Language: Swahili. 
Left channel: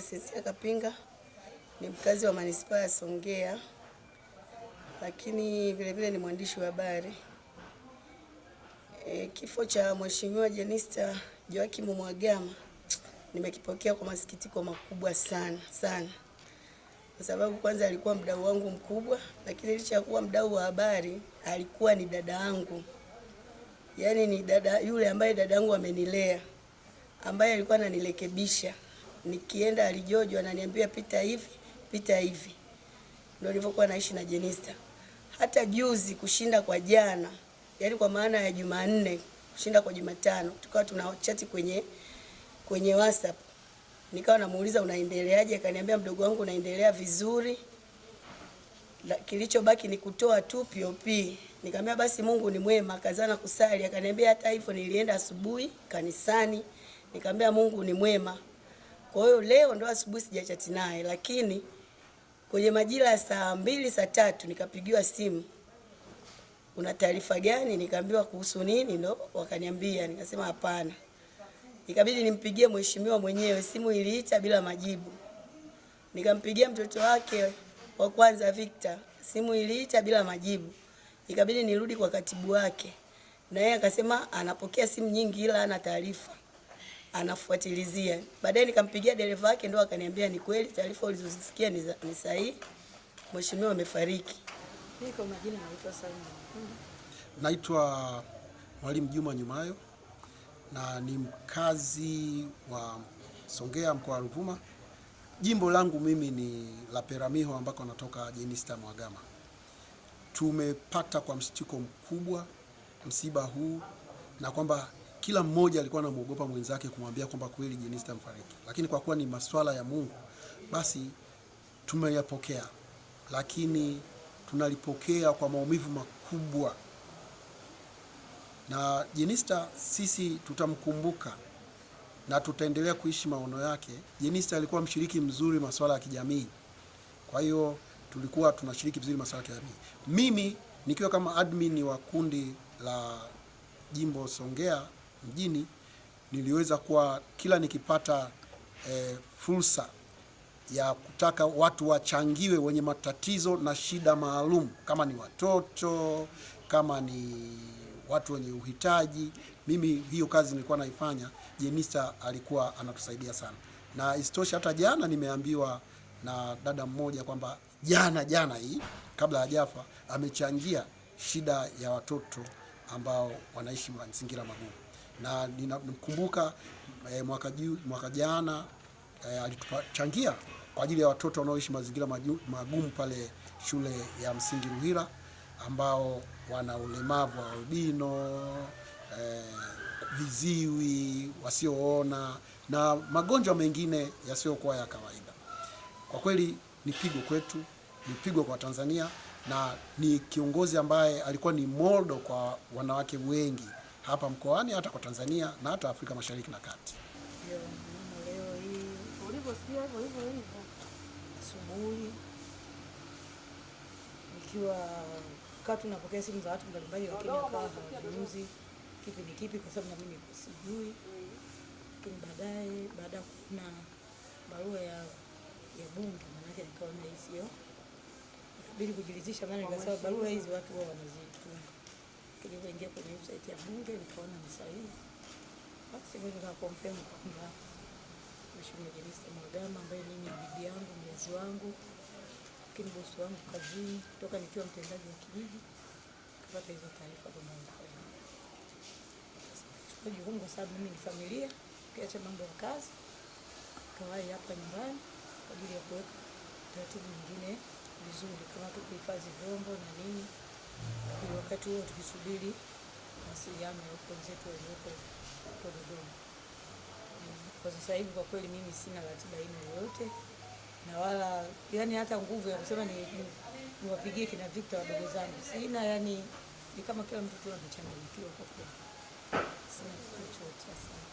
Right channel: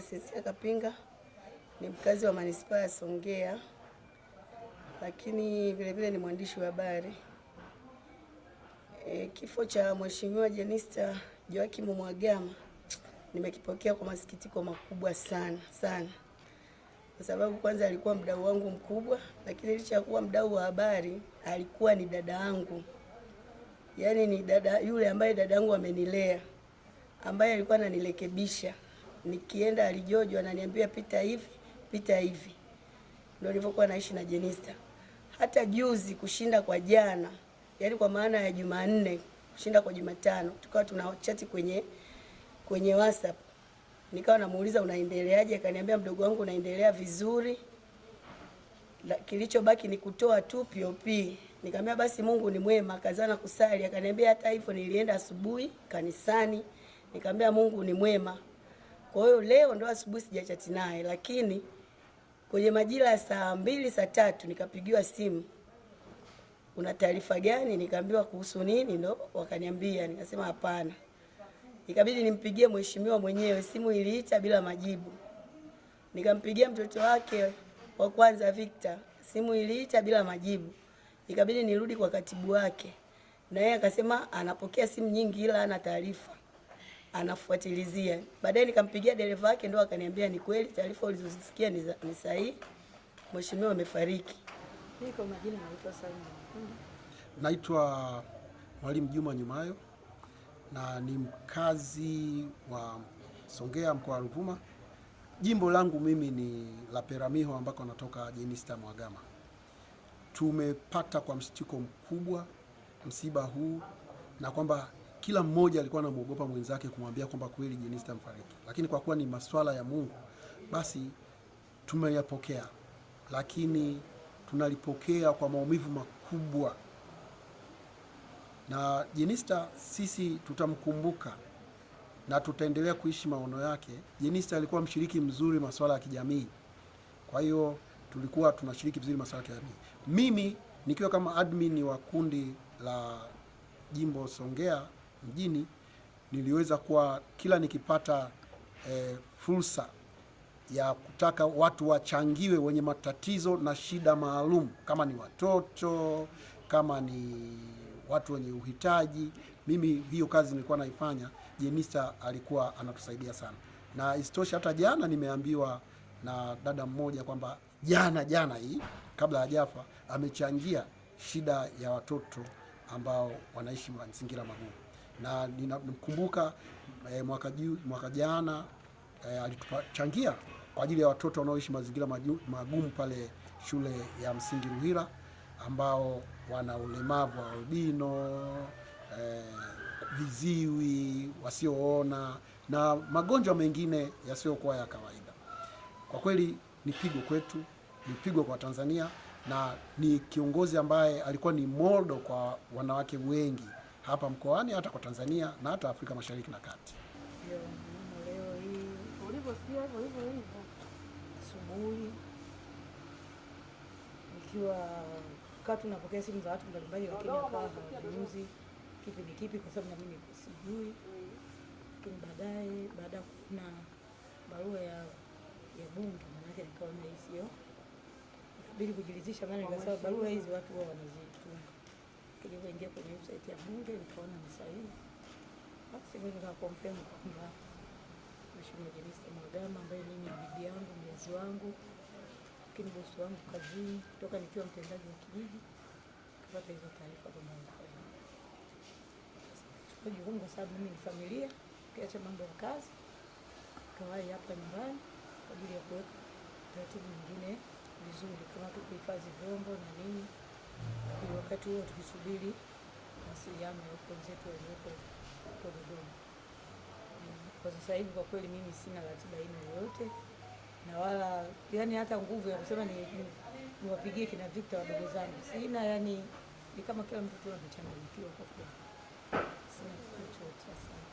Crescencia Kapinga, ni mkazi wa manispaa ya Songea, lakini vile vile ni mwandishi wa habari. Kifo cha Mheshimiwa Jenista Joakim Mhagama nimekipokea kwa masikitiko makubwa sana sana, kwa sababu kwanza alikuwa mdau wangu mkubwa, lakini licha ya kuwa mdau wa habari alikuwa ni dada yangu. Yaani ni dada yule ambaye dada yangu amenilea, ambaye alikuwa ananirekebisha. Nikienda alijojo ananiambia pita hivi, pita hivi. Ndio nilivyokuwa naishi na Jenista. Hata juzi kushinda kwa jana, yaani kwa maana ya Jumanne kushinda kwa Jumatano, tukawa tunachati kwenye WhatsApp. Nikawa namuuliza unaendeleaje, akaniambia mdogo wangu unaendelea vizuri. Kilichobaki ni kutoa tu POP. Nikamwambia basi Mungu ni mwema, kazana kusali. Akaniambia hata hivyo nilienda asubuhi kanisani. Nikamwambia Mungu ni mwema. Kwa hiyo leo ndo asubuhi sijachati naye, lakini kwenye majira ya saa 2 saa 3 nikapigiwa simu. Una taarifa gani? Nikaambiwa kuhusu nini, ndo wakaniambia. Nikasema hapana. Ikabidi nimpigie mheshimiwa mwenyewe, simu iliita bila majibu. Nikampigia mtoto wake wa kwanza Victor, simu iliita bila majibu. Ikabidi nirudi kwa katibu wake, na yeye akasema anapokea simu nyingi ila hana taarifa, anafuatilizia. Baadaye nikampigia dereva wake, ndo akaniambia ni kweli taarifa ulizosikia ni sahihi, mheshimiwa amefariki. Niko majina naitwa Salma. Naitwa Mwalimu Juma Nyumayo na ni mkazi wa Songea, mkoa wa Ruvuma. Jimbo langu mimi ni la Peramiho ambako natoka Jenista Mhagama. Tumepata kwa mshtuko mkubwa msiba huu, na kwamba kila mmoja alikuwa anamuogopa mwenzake kumwambia kwamba kweli Jenista mfariki. Lakini kwa kuwa ni masuala ya Mungu, basi tumeyapokea, lakini tunalipokea kwa maumivu makubwa. Na Jenista sisi tutamkumbuka na tutaendelea kuishi maono yake. Jenista alikuwa mshiriki mzuri masuala ya kijamii. Kwa hiyo tulikuwa tunashiriki vizuri masuala ya kijamii. Mimi nikiwa kama admin wa kundi la Jimbo Songea mjini, niliweza kuwa kila nikipata fursa ya kutaka watu wachangiwe wenye matatizo na shida maalum, kama ni watoto, kama ni watu wenye uhitaji, mimi hiyo kazi nilikuwa naifanya. Jenista alikuwa anatusaidia sana. Na isitoshe hata jana nimeambiwa na dada mmoja kwamba jana hii kabla hajafa amechangia shida ya watoto ambao wanaishi mazingira magumu. Na ninamkumbuka mwaka jana alitupachangia kwa ajili ya watoto wanaoishi mazingira magumu pale shule ya msingi Ruhira, ambao wana ulemavu wa albino, viziwi, wasioona na magonjwa mengine yasiyokuwa ya kawaida. Kwa kweli ni pigo kwetu, ni pigo kwa Tanzania, na ni kiongozi ambaye alikuwa ni modo kwa wanawake wengi hapa mkoani, hata kwa Tanzania na hata Afrika Mashariki na Kati. Leo hii ulivyosikia hivyo asubuhi nikiwa tunapokea simu za watu mbalimbali, lakini hapa hawazungumzi kipi ni kipi, kwa sababu na mimi sijui. Lakini baada ya kuna barua ya bunge, maana yake nikaona hii sio, ikabidi kujiridhisha, maana nikasema barua hizi watu wao wanazituma. Nilipoingia kwenye website ya bunge nikaona ni sahihi, basi mimi nikakonfirm kwamba Mheshimiwa Jenista Mhagama ambaye mimi ni bibi yangu, mlezi wangu, lakini bosi wangu kazini, toka nikiwa mtendaji wa kijiji, kupata hizo taarifa kwa mwanzo. Kwa jukumu, kwa sababu mimi ni familia, kiacha mambo ya kazi, kawai hapa nyumbani kwa ajili ya kuweka taratibu nyingine vizuri, kama tu kuhifadhi vyombo na nini, ili wakati huo tukisubiri mawasiliano ya wenzetu walioko Dodoma. Kwa sasa hivi kwa kweli mimi sina ratiba aina yoyote, na wala yani hata nguvu ya kusema niwapigie kina Victor wadogo zangu sina. Yani ni kama kila mtu tu amechanganyikiwa kwa kweli. Sina kitu chochote sana.